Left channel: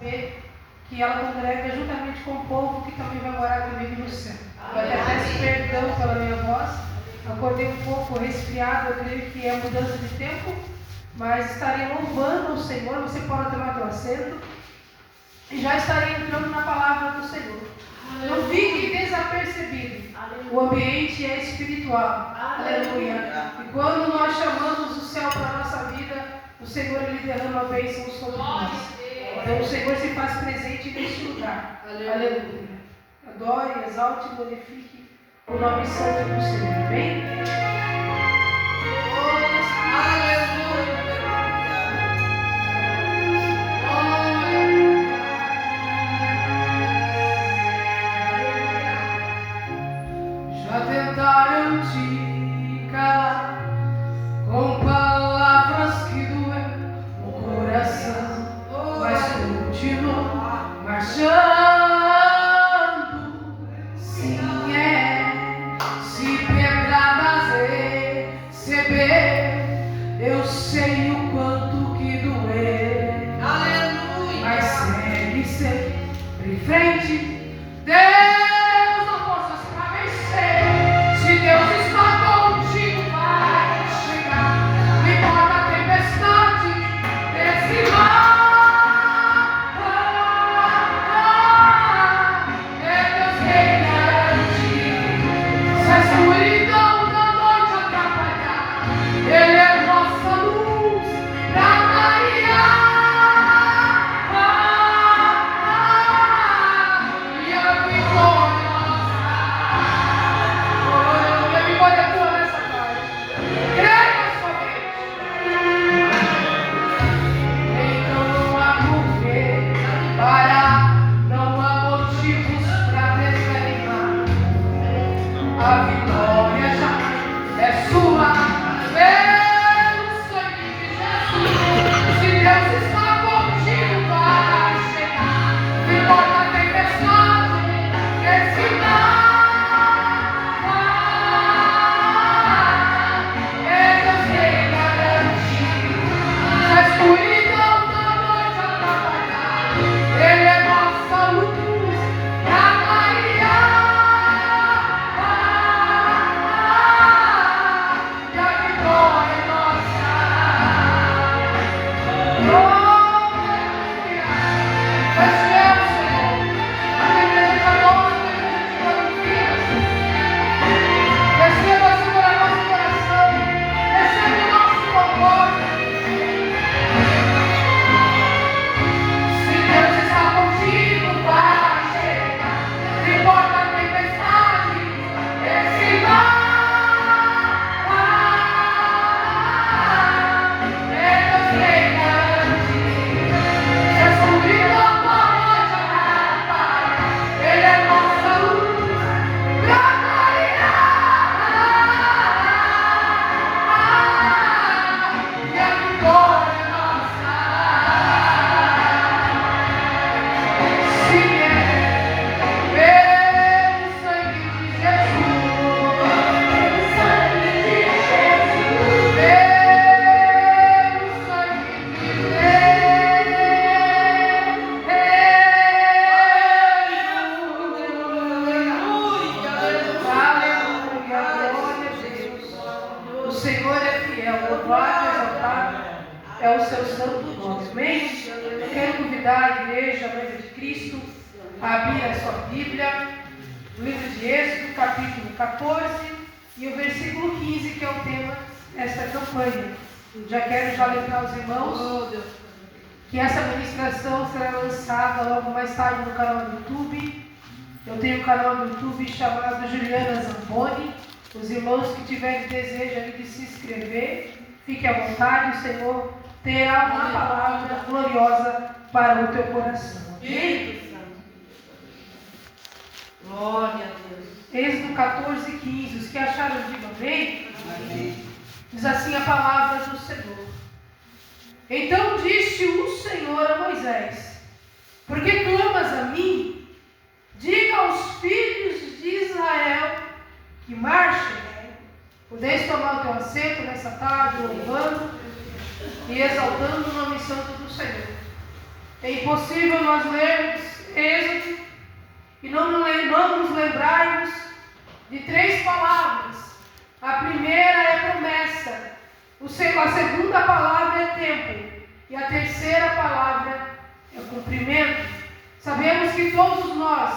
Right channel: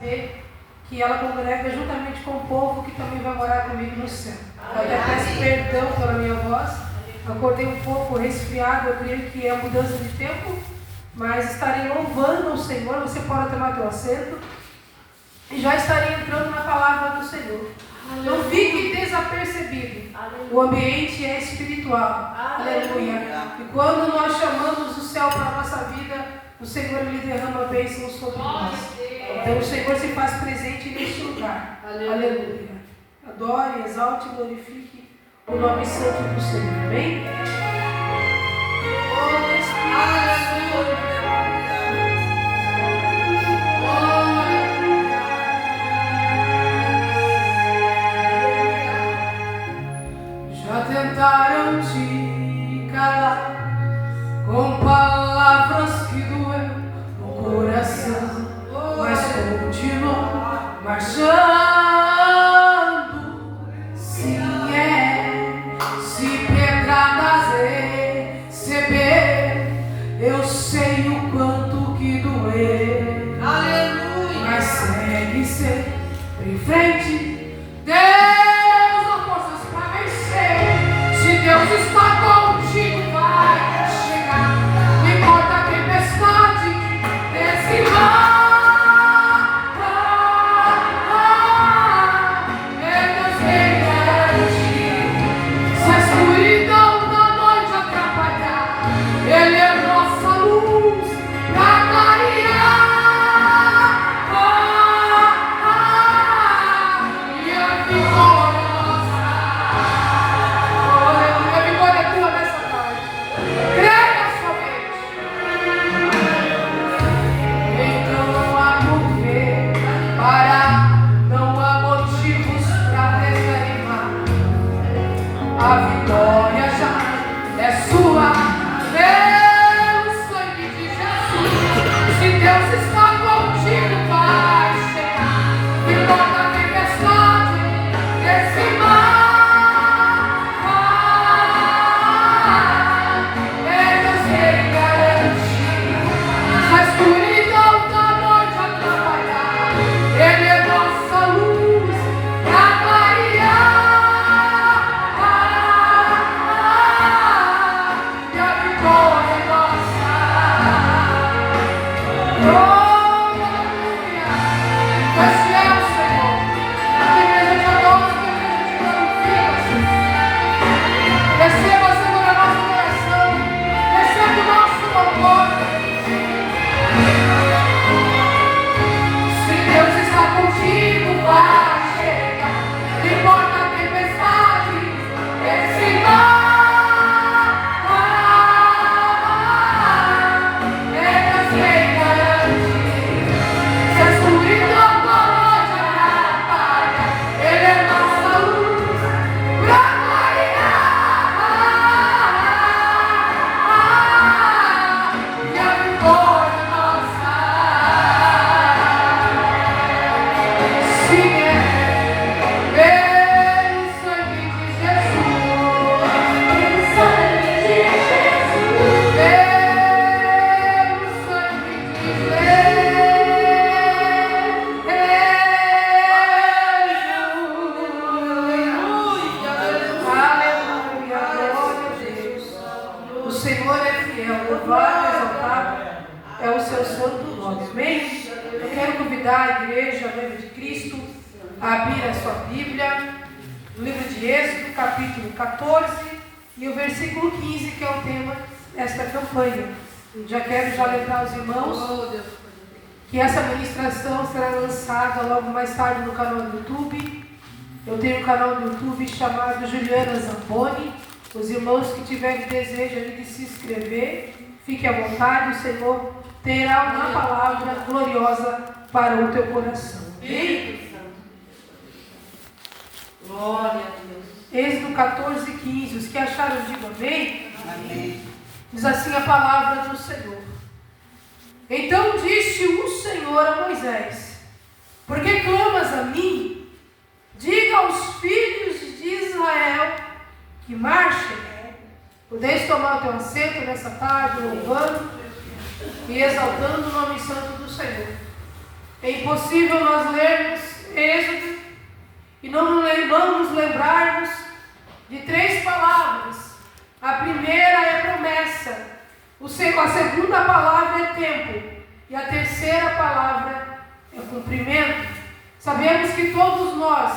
que ela congrega juntamente com o povo que também vai morar comigo no céu. Eu até peço perdão pela minha voz, acordei um pouco resfriado, eu creio que é mudança de tempo, mas estarei louvando o Senhor. Você pode tomar teu assento e já estarei entrando na palavra do Senhor. Não fique desapercebido. O ambiente é espiritual. Aleluia. E quando nós chamamos o céu para a nossa vida, o Senhor lhe derrama bênçãos sobre nós. Então o Senhor se faz presente neste lugar. Aleluia. Adore, exalte e glorifique o nome santo do Senhor. Amém? Aleluia. Tentaram te calar com palavras que doem no coração, mas continuam marchando. Sim, se pedradas receber, eu sei o quanto que doer. Aleluia. Mas segue sempre em frente. Deus está contigo, vai chegar. Não importa a tempestade, desse mar. É Deus quem garante. Se a escuridão da noite atrapalhar, Ele é nossa luz pra clarear. E a vitória. Que essa ministração será lançada logo mais tarde no canal do YouTube. Eu tenho um canal no YouTube chamado Juliana Zamboni. Os irmãos que tiverem desejo ali de se inscrever, fique à vontade, o Senhor terá uma palavra gloriosa para o teu coração. Glória a Deus. Êxodo 14:15. Os que acharam, digam amém. Amém. Diz assim a palavra do Senhor. Então disse o Senhor a Moisés: por que clamas a mim? Diga aos filhos de Israel que marchem. Podeis tomar o teu assento nessa tarde, louvando e exaltando o nome santo do Senhor. É impossível nós lermos Êxodo e não nos lembrarmos de 3 palavras. A primeira é promessa, a segunda palavra é tempo e a terceira palavra é cumprimento. Sabemos que todos nós,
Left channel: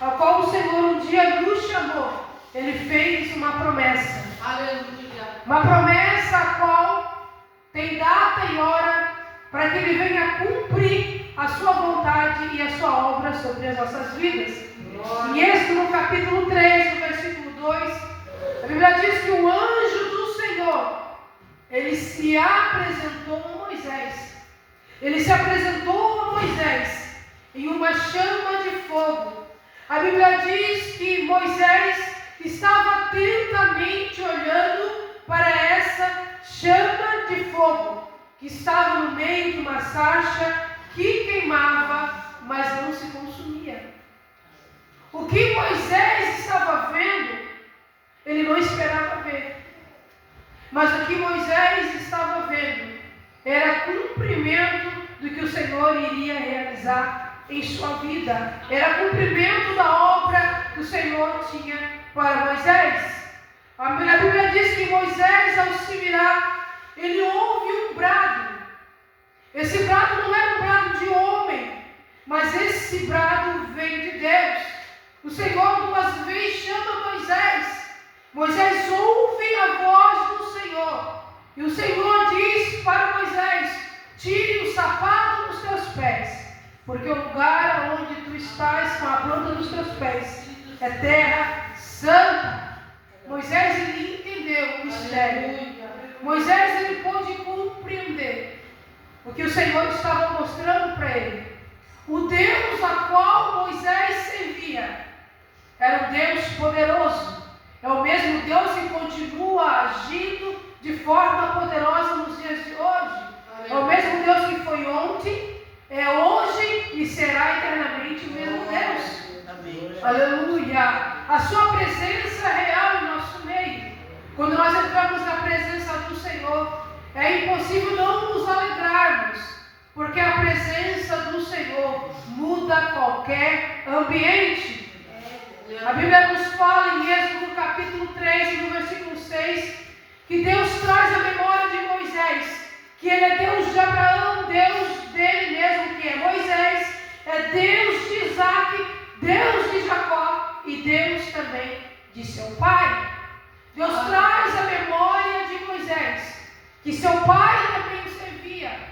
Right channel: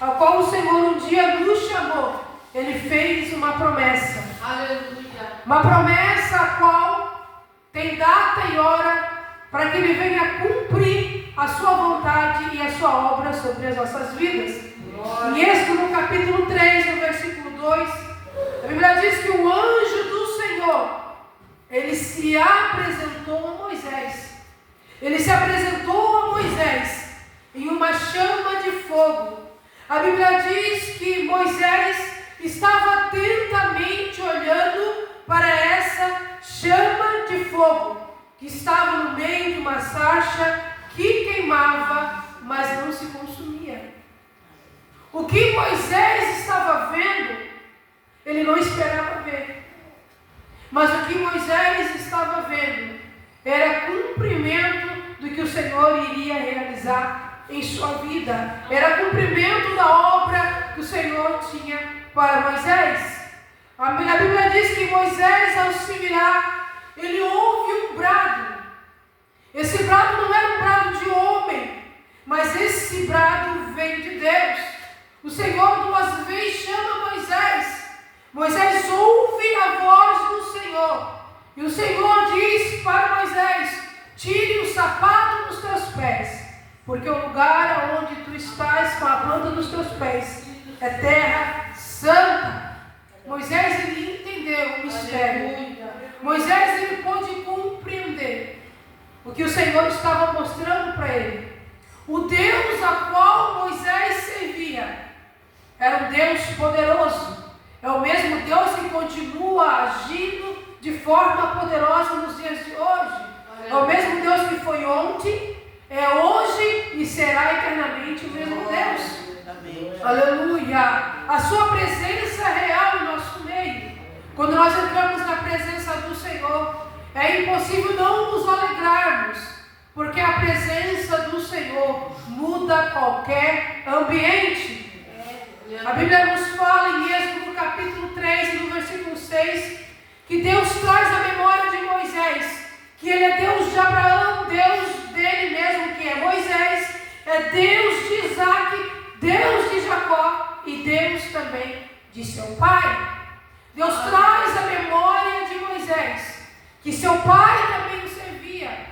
a qual o Senhor um dia nos chamou, Ele fez uma promessa. Aleluia. Uma promessa a qual tem data e hora para que Ele venha cumprir a sua vontade e a sua obra sobre as nossas vidas. Em Êxodo, no capítulo 3, no versículo 2, a Bíblia diz que o anjo do Senhor, ele se apresentou a Moisés. Ele se apresentou a Moisés em uma chama de fogo. A Bíblia diz que Moisés estava atentamente olhando para essa chama de fogo, que estava no meio de uma sarça que queimava, mas não se consumia. O que Moisés estava vendo, ele não esperava ver. Mas o que Moisés estava vendo era cumprimento do que o Senhor iria realizar em sua vida. Era cumprimento da obra que o Senhor tinha para Moisés. A Bíblia diz que Moisés, ao se virar, ele ouve um brado. Esse brado não era um brado de homem, mas esse brado vem de Deus. O Senhor 2 vezes chama Moisés. Moisés ouve a voz do Senhor. E o Senhor diz para Moisés: tire o sapato dos teus pés, porque o lugar onde tu estás com a planta dos teus pés é terra santa. Moisés, ele entendeu o mistério. Moisés, ele pôde compreender o que o Senhor estava mostrando para ele. O Deus a qual Moisés servia era um Deus poderoso. É o mesmo Deus que continua agindo de forma poderosa nos dias de hoje. É o mesmo Deus que foi ontem, é hoje e será eternamente o mesmo Deus. Amém. Aleluia! A sua presença é real em nosso meio. Quando nós entramos na presença do Senhor, é impossível não nos alegrarmos, porque a presença do Senhor muda qualquer ambiente. A Bíblia nos fala em Êxodo, no capítulo 3, no versículo 6, que Deus traz a memória de Moisés, que ele é Deus de Abraão, Deus dele mesmo, que é Moisés, é Deus de Isaac, Deus de Jacó e Deus também de seu pai. Deus traz a memória de Moisés, que seu pai também o servia.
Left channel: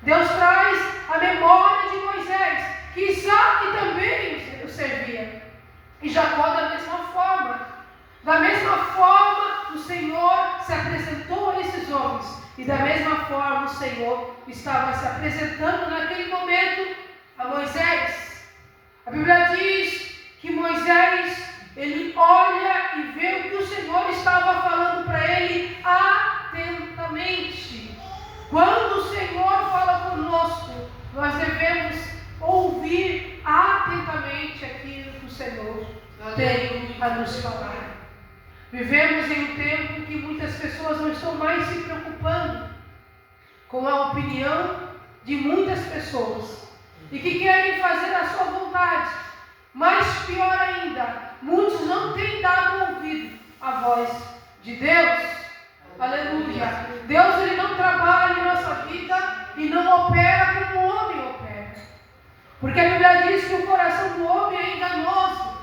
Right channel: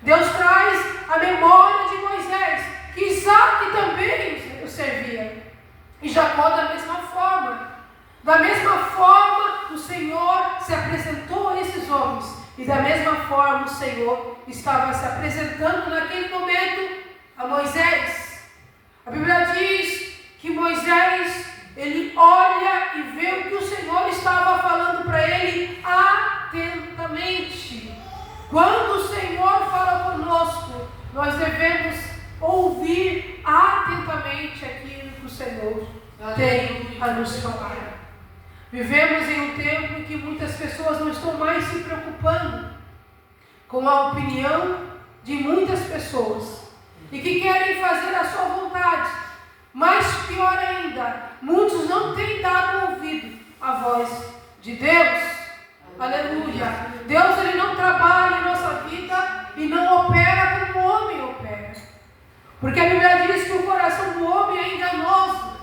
Deus traz a memória de Moisés, que Isaac também o servia. E Jacó da mesma forma. Da mesma forma, o Senhor se apresentou a esses homens. E da mesma forma, o Senhor estava se apresentando naquele momento a Moisés. A Bíblia diz que Moisés, ele olha e vê o que o Senhor estava falando para ele atentamente. Quando o Senhor fala conosco, nós devemos ouvir atentamente aquilo que o Senhor tem a nos falar. Vivemos em um tempo em que muitas pessoas não estão mais se preocupando com a opinião de muitas pessoas e que querem fazer a sua vontade. Mas pior ainda, muitos não têm dado ouvido à voz de Deus. Aleluia! Deus, ele não trabalha em nossa vida e não opera como o homem opera. Porque a Bíblia diz que o coração do homem é enganoso,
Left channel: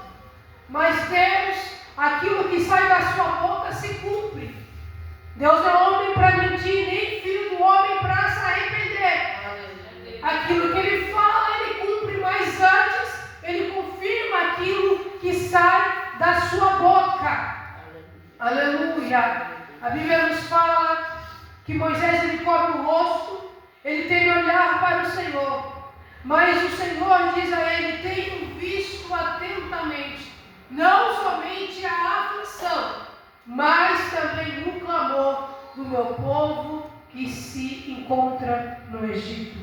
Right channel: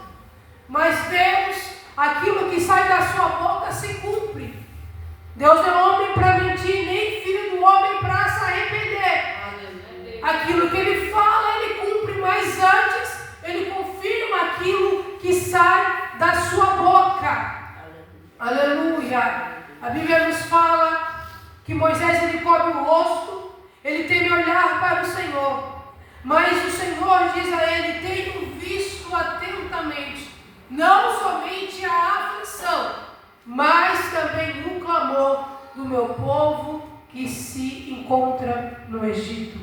mas Deus, aquilo que sai da sua boca se cumpre. Deus não é homem para mentir, nem filho do homem para se arrepender. Aquilo que ele fala, ele cumpre, mas antes ele confirma aquilo que sai da sua boca. Aleluia! A Bíblia nos fala que Moisés, ele cobre o rosto, ele teme olhar para o Senhor. Mas o Senhor diz a ele: tenho visto atentamente, não somente a aflição, mas também o clamor do meu povo que se encontra no Egito.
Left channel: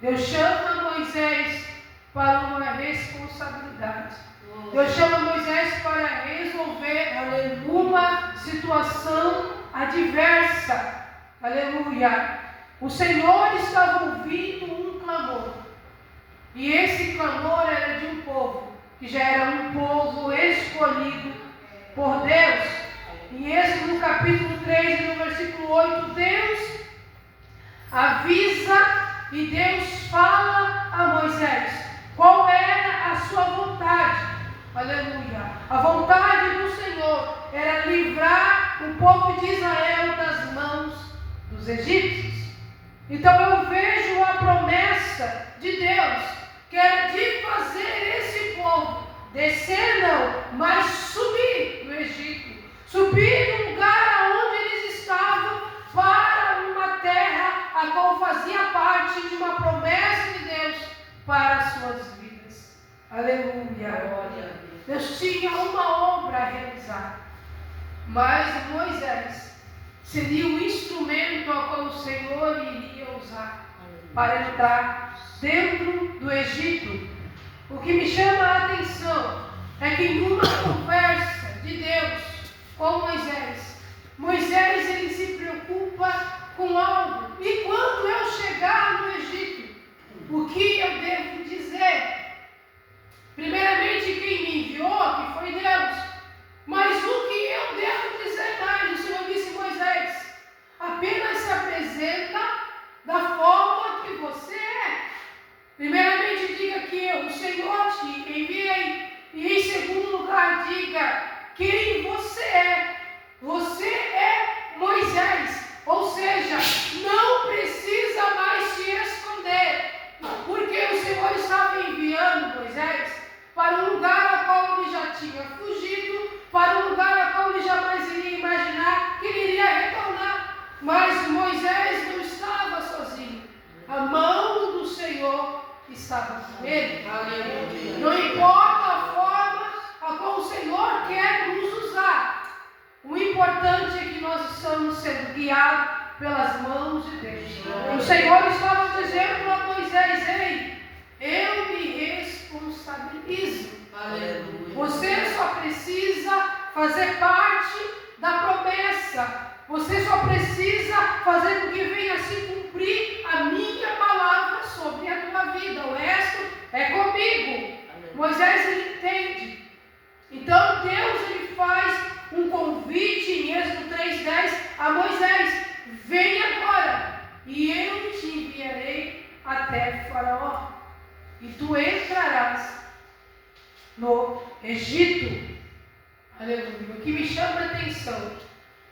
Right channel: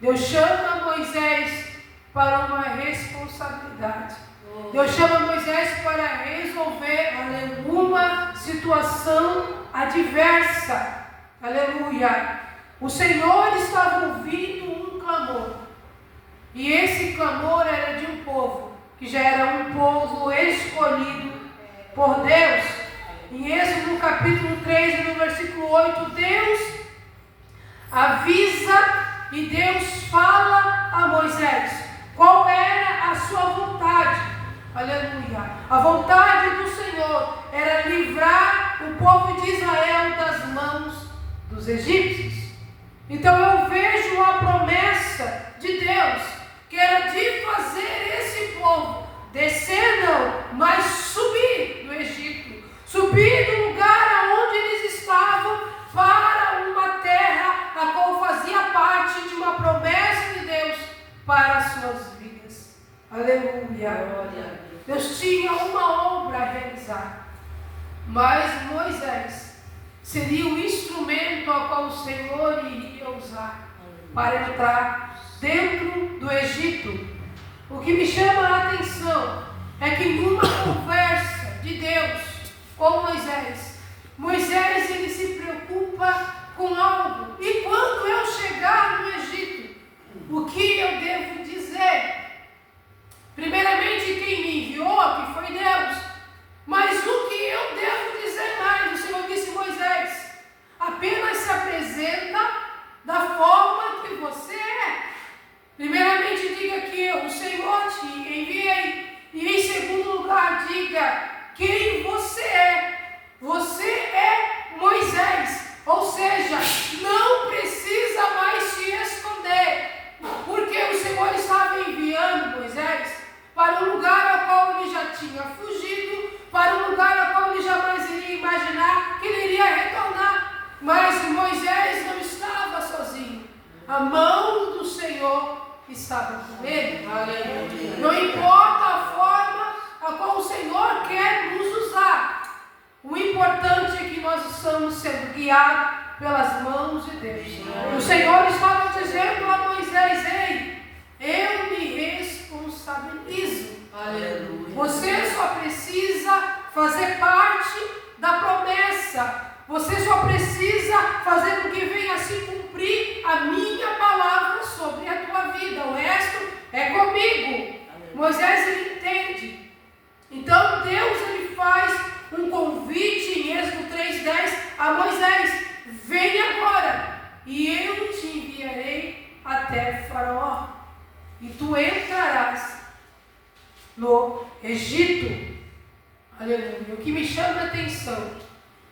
Deus chama Moisés para uma responsabilidade. Deus chama Moisés para resolver uma situação adversa. Aleluia! O Senhor estava ouvindo um clamor. E esse clamor era de um povo, que já era um povo escolhido por Deus. Em Êxodo, no capítulo 3, no versículo 8, Deus avisa e Deus fala a Moisés qual era a sua vontade. Aleluia. A vontade do Senhor era livrar o povo de Israel das mãos dos egípcios. Então eu vejo a promessa de Deus, que era de fazer esse povo descer não, mas subir do Egito, subir do lugar aonde eles estavam para uma terra a qual fazia parte de uma promessa de Deus para as suas vidas. Aleluia. Deus tinha uma obra a realizar, mas Moisés seria o instrumento ao qual o Senhor iria usar para entrar dentro do Egito. O que me chama a atenção é que em uma conversa de Deus com Moisés, ele se preocupa com algo. E quando eu chegar no Egito, o que eu devo dizer? Primeiramente, quem me enviou, que foi Deus. Mas o que eu devo dizer mais? O Senhor disse: Moisés, apenas se apresenta da forma que você é. Primeiramente, diga que o Senhor te enviei. E em segundo lugar, diga quem você é. Você é Moisés. Ou seja, não precisa mais se esconder. Porque o Senhor estava enviando Moisés para um lugar ao qual ele já tinha fugido, para um lugar ao qual ele jamais iria imaginar que ele iria retornar. Mas Moisés não estava sozinho. A mão do Senhor estava com ele. Não importa a forma a qual o Senhor quer nos usar. O importante é que nós estamos sendo guiados pelas mãos de Deus. O Senhor estava dizendo a Moisés: ei, eu me responsabilizo. Aleluia. Você só precisa fazer parte da promessa. Você só precisa fazer com que venha se cumprir a minha palavra sobre a tua vida. O resto é comigo. Aleluia. Moisés, ele entende. Então Deus, ele faz um convite em Êxodo 3:10 a Moisés: vem agora e eu te enviarei até Faraó e tu entrarás no Egito. Aleluia. O que me chama a atenção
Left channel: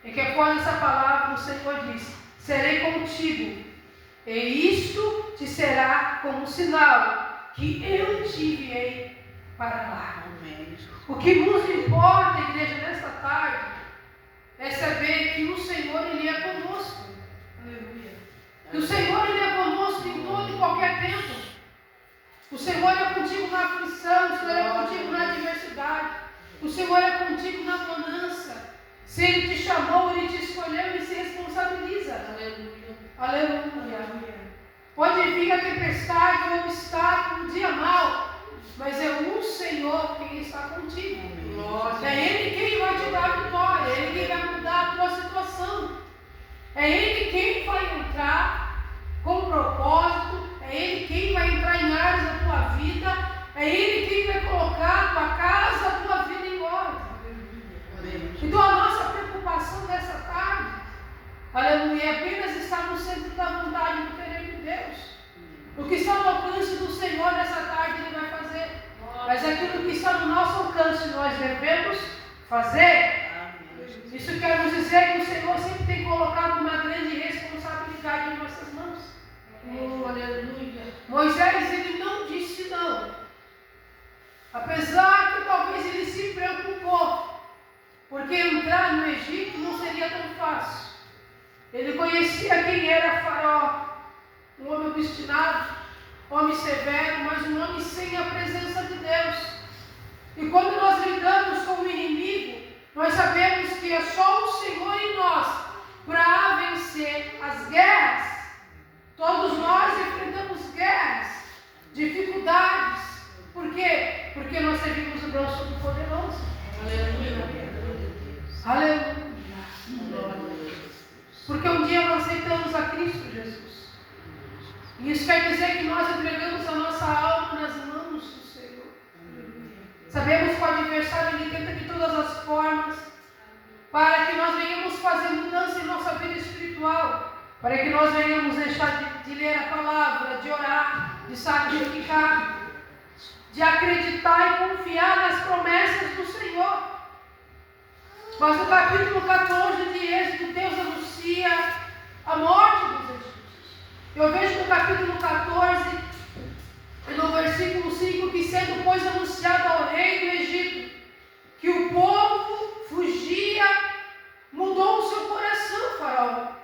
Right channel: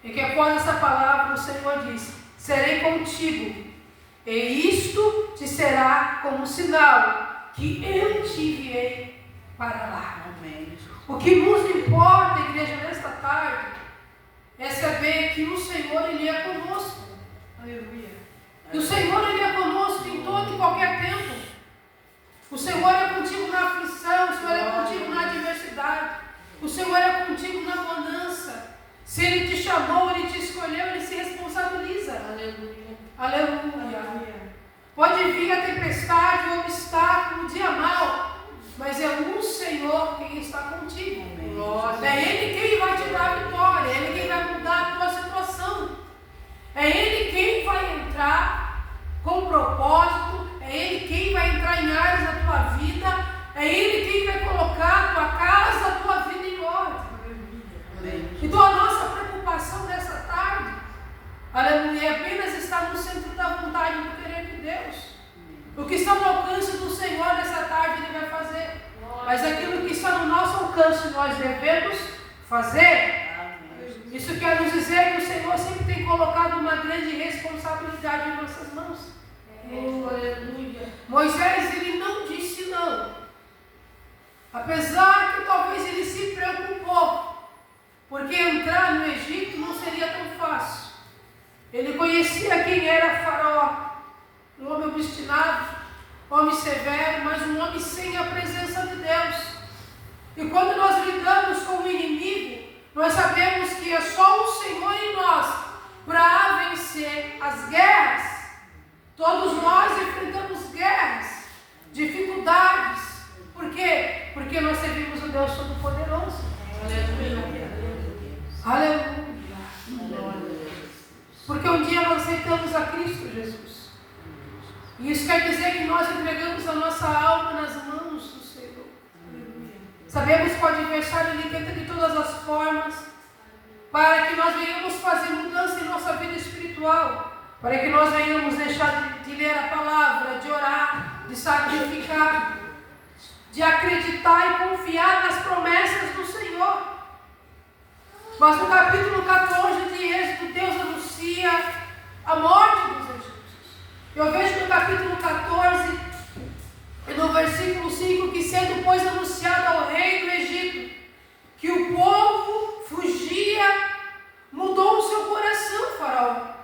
é que após essa palavra o Senhor diz: serei contigo, e isto te será como sinal que eu te enviei para lá. Amém. O que nos importa, igreja, nesta tarde, é saber que o Senhor, ele é conosco. Aleluia. Que o Senhor, ele é conosco em todo e qualquer tempo. O Senhor é contigo na aflição, o Senhor é contigo na adversidade, o Senhor é contigo na bonança. Se Ele te chamou, Ele te escolheu, Ele se responsabiliza. Aleluia. Aleluia. Pode vir a tempestade, o obstáculo, o dia mau, mas é o Senhor quem está contigo. É Ele quem vai te dar a vitória, é Ele quem vai mudar a tua situação. É Ele quem vai entrar com propósito, é Ele quem vai entrar em áreas da tua vida, é Ele quem vai colocar a tua casa, a tua vida em ordem. Então a nossa preocupação nessa tarde, aleluia, é apenas estar no centro da vontade e do querer de Deus. O que está no alcance do Senhor nessa tarde, Ele vai fazer. Mas aquilo que está no nosso alcance, nós devemos fazer. Isso quer nos dizer que o Senhor sempre tem colocado uma grande responsabilidade em nossas mãos. Aleluia. Moisés, ele não disse não. Apesar que talvez ele se preocupou, porque entrar no Egito não seria tão fácil. Ele conhecia quem era Faraó, um homem obstinado, homem severo, mas um homem sem a presença de Deus. E quando nós lidamos com o inimigo, nós sabemos que é só o Senhor em nós para vencer as guerras. Todos nós enfrentamos guerras, dificuldades. Por quê? Porque nós servimos o Deus Todo-Poderoso. Aleluia. Aleluia. Porque um dia nós aceitamos a Cristo Jesus. Isso quer dizer que nós entregamos a nossa alma nas mãos do Senhor. Sabemos que o adversário ele tenta de todas as formas para que nós venhamos fazer mudança em nossa vida espiritual, para que nós venhamos deixar de ler a palavra, de orar, de sacrificar, de acreditar e confiar nas promessas do Senhor. Mas no capítulo 14 de Êxodo, Deus anuncia a morte dos egípcios. Eu vejo no capítulo 14 e no versículo 5 que, sendo pois anunciado ao rei do Egito que o povo fugia, mudou o seu coração, Faraó,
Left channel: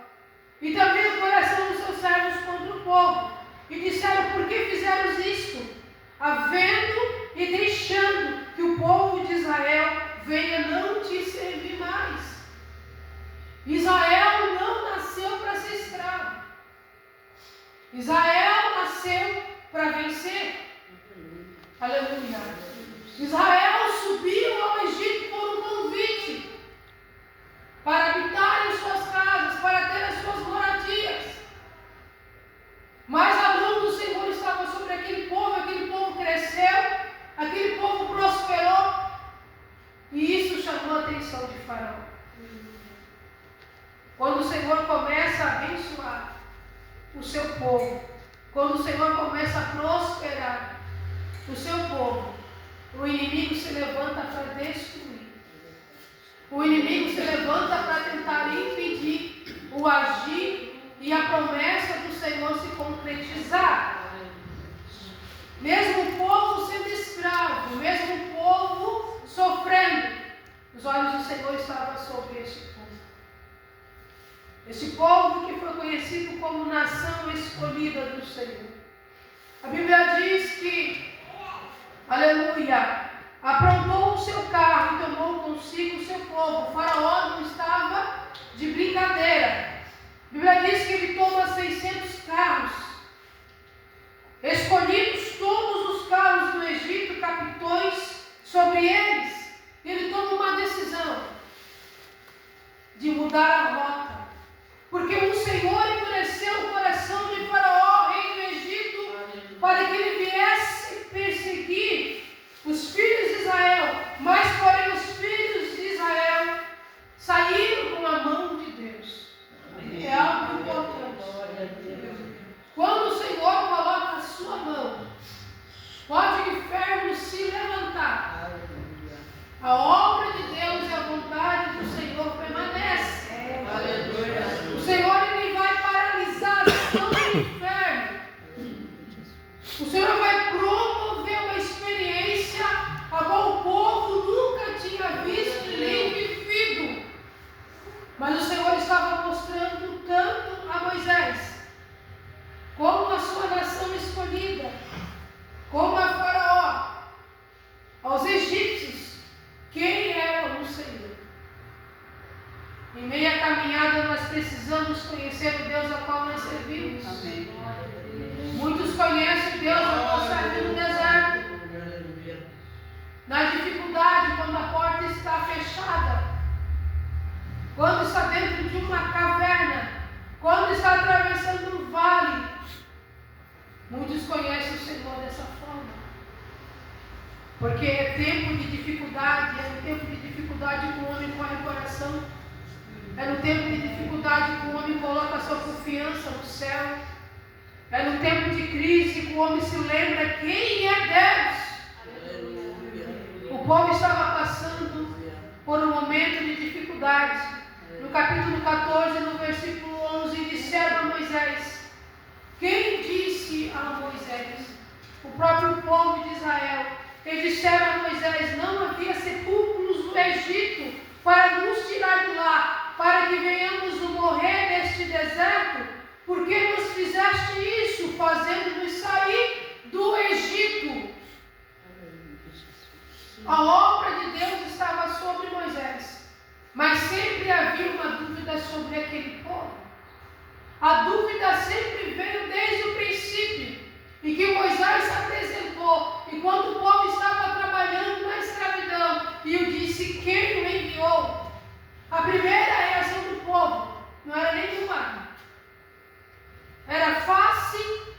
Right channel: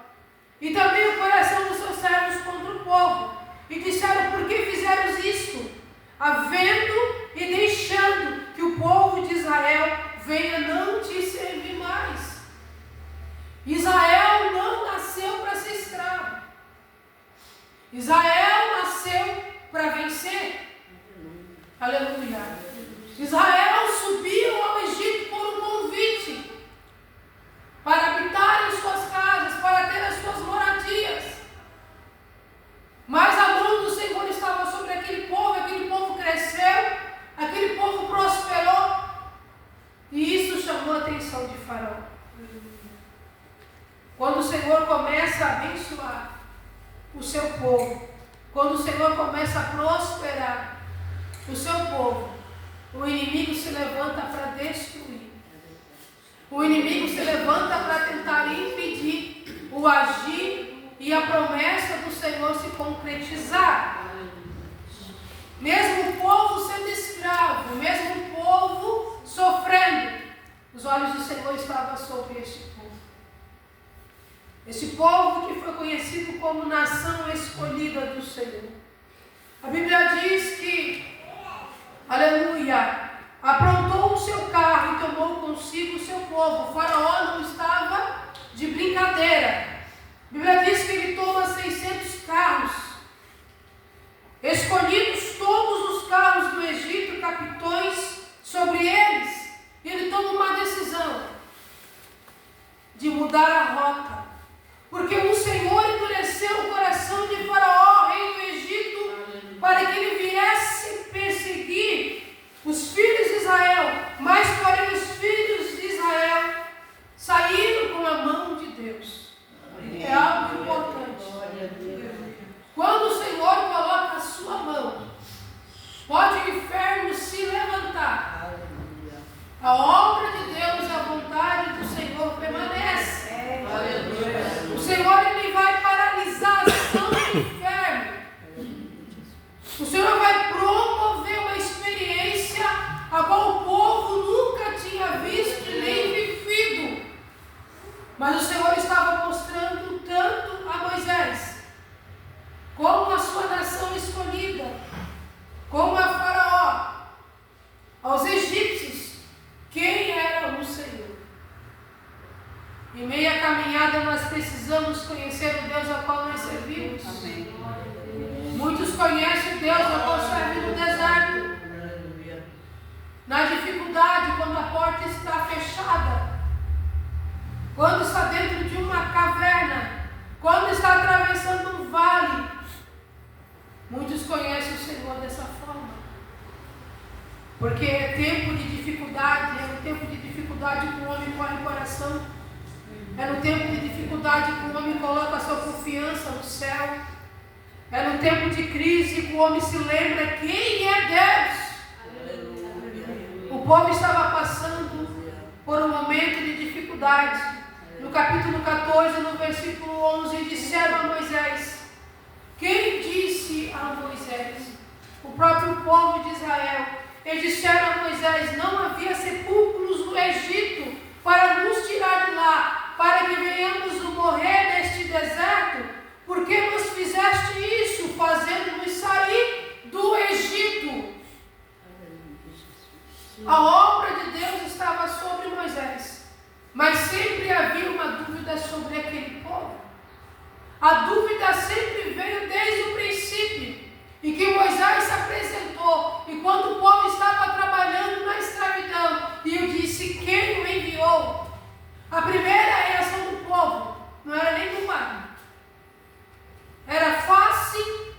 e também o coração dos seus servos contra o povo, e disseram: por que fizeram isto, havendo e deixando que o povo de Israel venha não te servir mais? Israel não nasceu para ser escravo. Israel nasceu para vencer. Aleluia. Israel subiu ao Egito por um convite para habitar em suas casas, para ter as suas moradias. Mas a mão do Senhor estava sobre aquele povo cresceu, aquele povo prosperou, e isso chamou a atenção de Faraó. Quando o Senhor começa a abençoar o seu povo, quando o Senhor começa a prosperar o seu povo, o inimigo se levanta para destruir. O inimigo se levanta para tentar impedir o agir e a promessa do Senhor se concretizar. Mesmo o povo sendo escravo, mesmo o povo sofrendo, os olhos do Senhor estavam sobre este povo. Este povo que foi conhecido como nação escolhida do Senhor. A Bíblia diz que, aleluia, aprontou o seu carro e tomou consigo o seu povo. O Faraó não estava de brincadeira. A Bíblia diz que ele toma 600 carros, escolhidos todos os carros do Egito, capitões sobre eles. E ele toma uma decisão de mudar a rota. Porque o Senhor endureceu o coração de Faraó, rei do Egito, para que ele viesse perseguir os filhos de Israel. Mas, porém, os filhos de Israel saíram com a mão de Deus. É algo importante. Quando o Senhor coloca a sua mão, pode o inferno se levantar. A obra de Deus e a vontade do Senhor permanece. O Senhor ele vai paralisar a ação do inferno. O Senhor vai promover uma experiência a qual o povo nunca tinha visto nem vivido. Mas o Senhor estava mostrando tanto a Moisés, como a sua nação escolhida, como a Faraó, aos egípcios, quem era o Senhor. Em meio à caminhada nós precisamos conhecer o Deus a qual nós servimos. Amém. Muitos conhecem o Deus a qual servem no deserto. Na dificuldade, quando a porta está fechada, quando está dentro de uma caverna, quando está atravessando um vale. Muitos conhecem o Senhor dessa forma. Porque é tempo de dificuldade, é no tempo de dificuldade que o homem põe o coração. É no tempo de dificuldade que o homem coloca a sua confiança no céu. É no tempo de crise que o homem se lembra quem é Deus. O povo estava passando por um momento de dificuldade. No capítulo 14, no versículo 11, disseram a Moisés. Quem disse a Moisés? O próprio povo de Israel. Eles disseram a Moisés: não havia sepulcros no Egito para nos tirar de lá, para que venhamos morrer neste deserto. Por que nos fizeste isso, fazendo-nos sair do Egito? A obra de Deus estava sobre Moisés, mas sempre havia uma dúvida sobre aquele povo. A dúvida sempre veio desde o princípio, em que Moisés se apresentou, enquanto o povo estava trabalhando na escravidão, e eu disse: quem o enviou? A primeira reação do povo não era nenhuma. Era face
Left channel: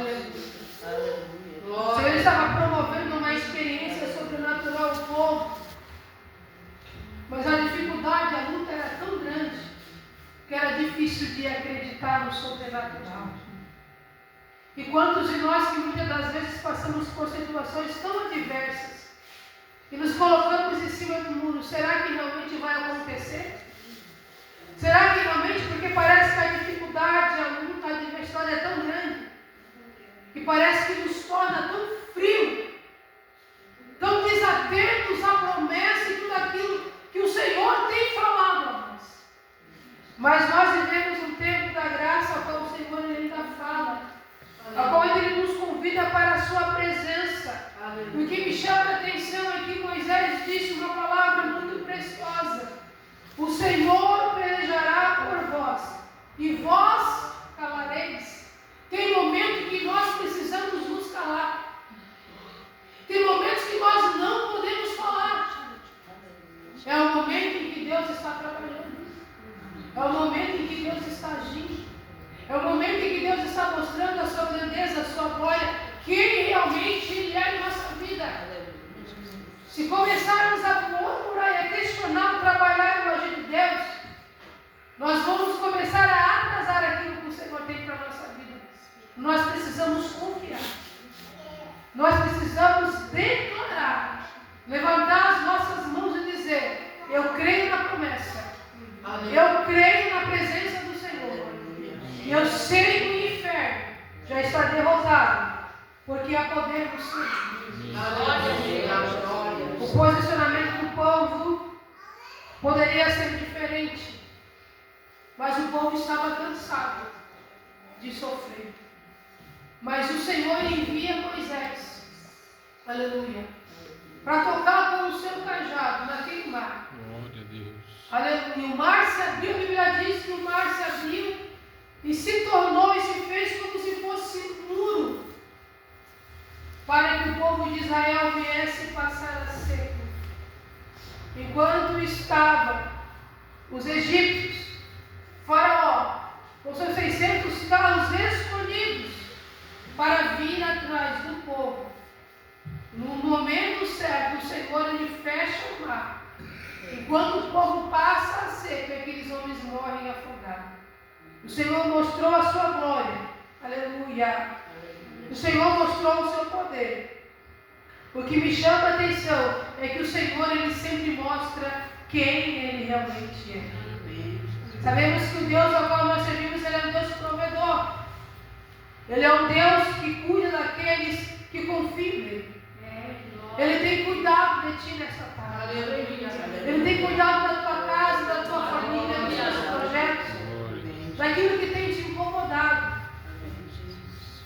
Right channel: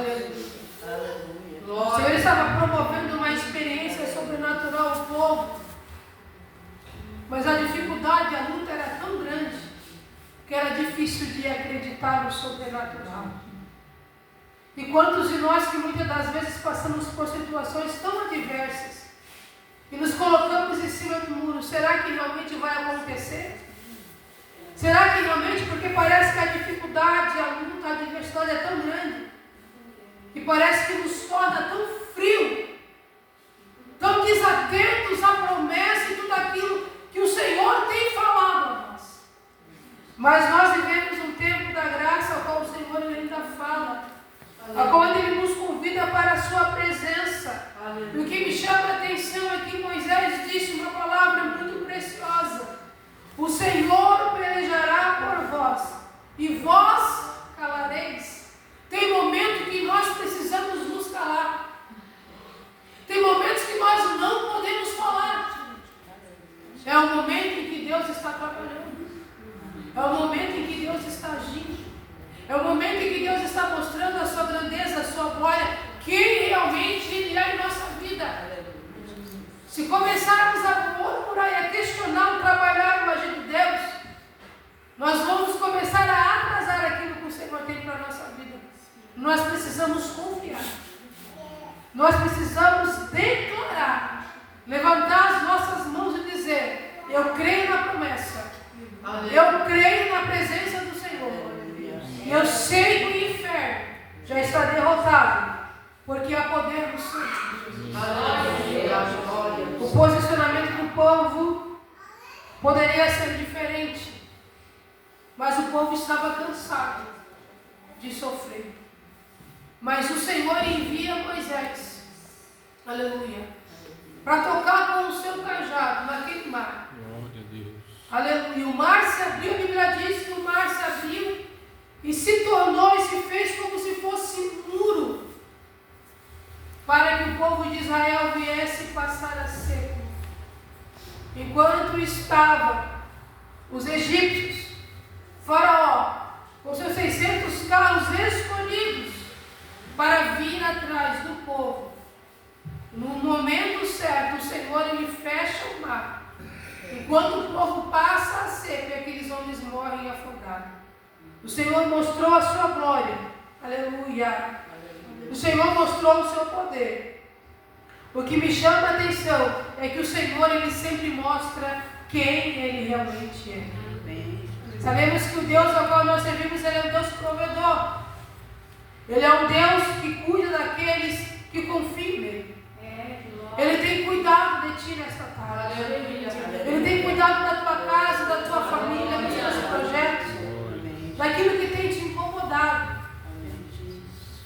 O Senhor estava promovendo uma experiência sobrenatural ao povo. Mas a dificuldade, a luta era tão grande que era difícil de acreditar no sobrenatural. E quantos de nós que muitas das vezes passamos por situações tão adversas e nos colocamos em cima do muro, será que realmente vai acontecer? Será que realmente, porque parece que a dificuldade, a luta, a adversidade é tão grande, que parece que nos torna tão frio, tão desatentos à promessa e tudo aquilo que o Senhor tem falado a nós. Mas nós vivemos um tempo da graça ao qual o Senhor ainda fala, ao qual Ele nos convida para a sua presença. E o que me chama a atenção é que Moisés disse uma palavra muito preciosa: o Senhor pelejará por vós, e vós calareis. Tem momento que nós precisamos nos calar. Tem momentos que nós não podemos falar. É o momento em que Deus está trabalhando. É o momento em que Deus está agindo. É o momento em que Deus está mostrando a sua grandeza, a sua glória, quem realmente Ele é em nossa vida. Se começarmos a murmurar e a questionar o trabalhar o agir de Deus, nós vamos começar a atrasar aquilo que o Senhor tem para a nossa vida. Nós precisamos confiar. Nós precisamos declarar, levantar as nossas mãos e dizer: eu creio na promessa. Eu creio na presença do Senhor. E eu sei que o inferno já está derrotado, porque há poder no Senhor. O posicionamento do povo poderia ser diferente, mas o povo estava cansado de sofrer. Mas o Senhor envia Moisés, aleluia, para tocar com o seu cajado naquele mar. Glória a Deus. Aleluia. O mar se abriu, a Bíblia diz que o mar se abriu e se tornou e se fez como se fosse um muro, para que o povo de Israel viesse passar a seco. Enquanto estavam os egípcios, Faraó, com seus 600 carros escolhidos para vir atrás do povo, no momento certo, o Senhor ele fecha o mar. Enquanto o povo passa a seco, e aqueles homens morrem afogados. O Senhor mostrou a sua glória. Aleluia. O Senhor mostrou o seu poder. O que me chama a atenção é que o Senhor ele sempre mostra quem Ele realmente é. Sabemos que o Deus ao qual nós servimos ele é um Deus provedor. Ele é um Deus que cuida daqueles que confiam nele. Ele tem cuidado de ti nesta tarde. Ele tem cuidado da tua casa, da tua família, dos teus projetos, daquilo que tem te incomodado.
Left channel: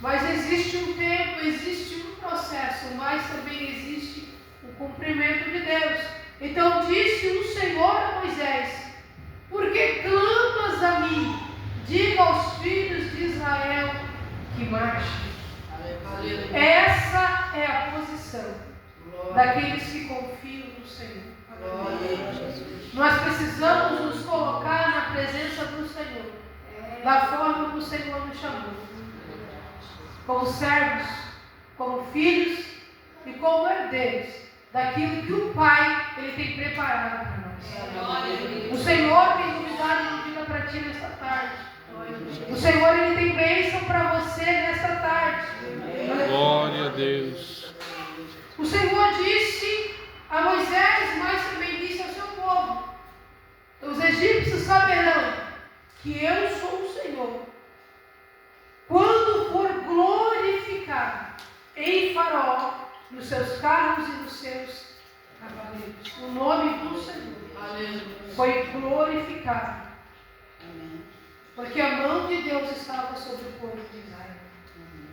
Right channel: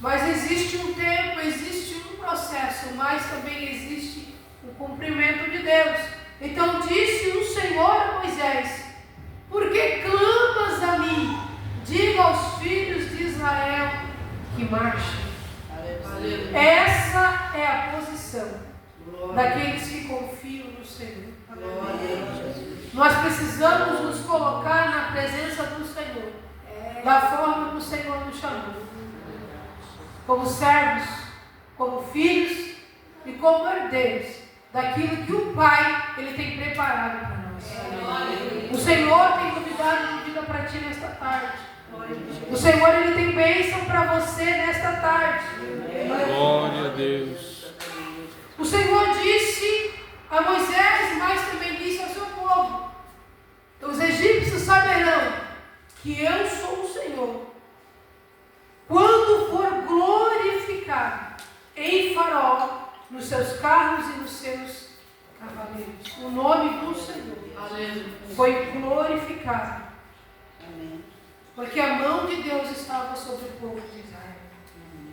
Mas existe um tempo, existe um processo, mas também existe o cumprimento de Deus. Então disse o Senhor a Moisés: por que clamas a mim? Diga aos filhos de Israel que marchem. Essa é a posição daqueles que confiam no Senhor. Nós precisamos nos colocar na presença do Senhor, da forma que o Senhor nos chamou, como servos, como filhos e como herdeiros daquilo que o Pai ele tem preparado para nós. O Senhor tem novidade de vida para ti nesta tarde. O Senhor ele tem bênção para você nesta tarde. Glória a Deus. O Senhor disse a Moisés, mas também disse ao seu povo: os egípcios saberão que eu sou o Senhor quando for glorificado em Faraó, nos seus carros e nos seus cavaleiros. O nome do Senhor foi glorificado, porque a mão de Deus estava sobre o povo de Israel,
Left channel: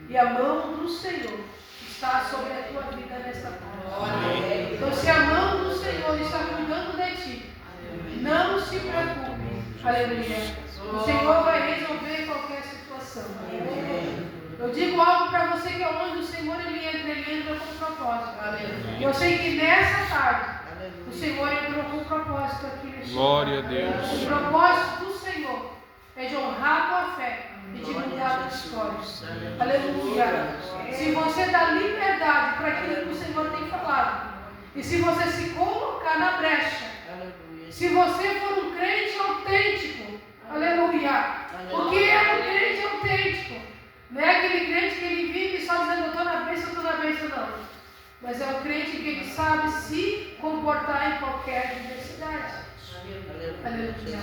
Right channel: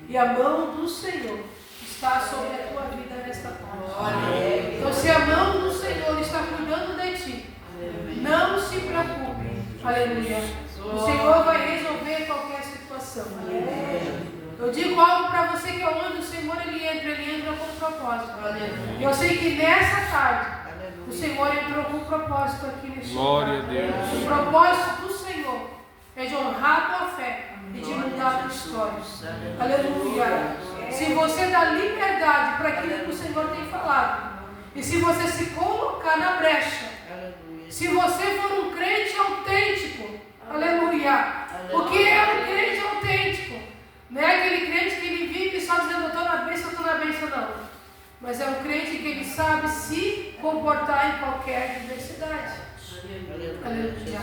e a mão do Senhor está sobre a tua vida nesta tarde. Então, se a mão do Senhor está cuidando de ti, não se preocupe. Aleluia. O Senhor vai resolver qualquer situação. Eu digo algo para você, que onde o Senhor ele entra com propósito. E eu sei que nessa tarde o Senhor entrou com propósito aqui neste lugar. Glória a Deus. O propósito do Senhor é de honrar a tua fé e de mudar a tua história. Aleluia. Se você dá liberdade para aquilo que o Senhor tem falado, e se você se colocar na brecha, se você for um crente autêntico, aleluia. O que é um crente autêntico? Não é aquele crente que ele vive só dizendo, eu estou na bênção, não. Mas é um crente que ele sabe se comportar em qualquer diversidade. Aleluia.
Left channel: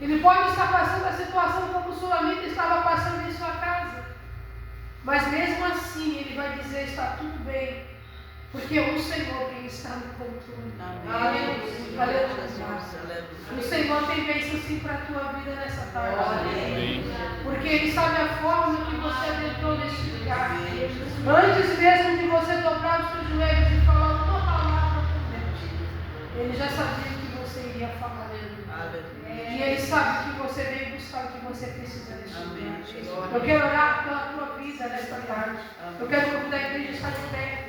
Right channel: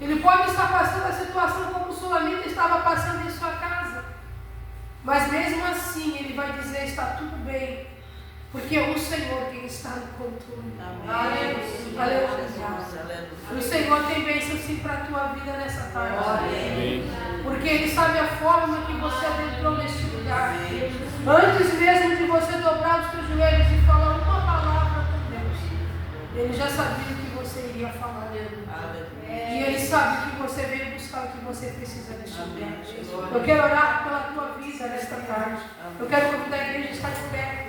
Ele pode estar passando a situação como o sulamita estava passando em sua casa. Mas mesmo assim ele vai dizer, está tudo bem. Porque é o Senhor quem está no controle. Aleluia. O Senhor tem bênção sim para a tua vida nessa tarde. Porque Ele sabe a forma que você adentrou neste lugar. Antes mesmo de você dobrar os teus joelhos e falar uma palavra com Deus, Ele já sabia o que você iria falar. E Ele sabe que você veio buscar o que você precisa neste lugar. Eu quero orar pela tua vida nesta tarde. Eu quero convidar a igreja a estar de pé.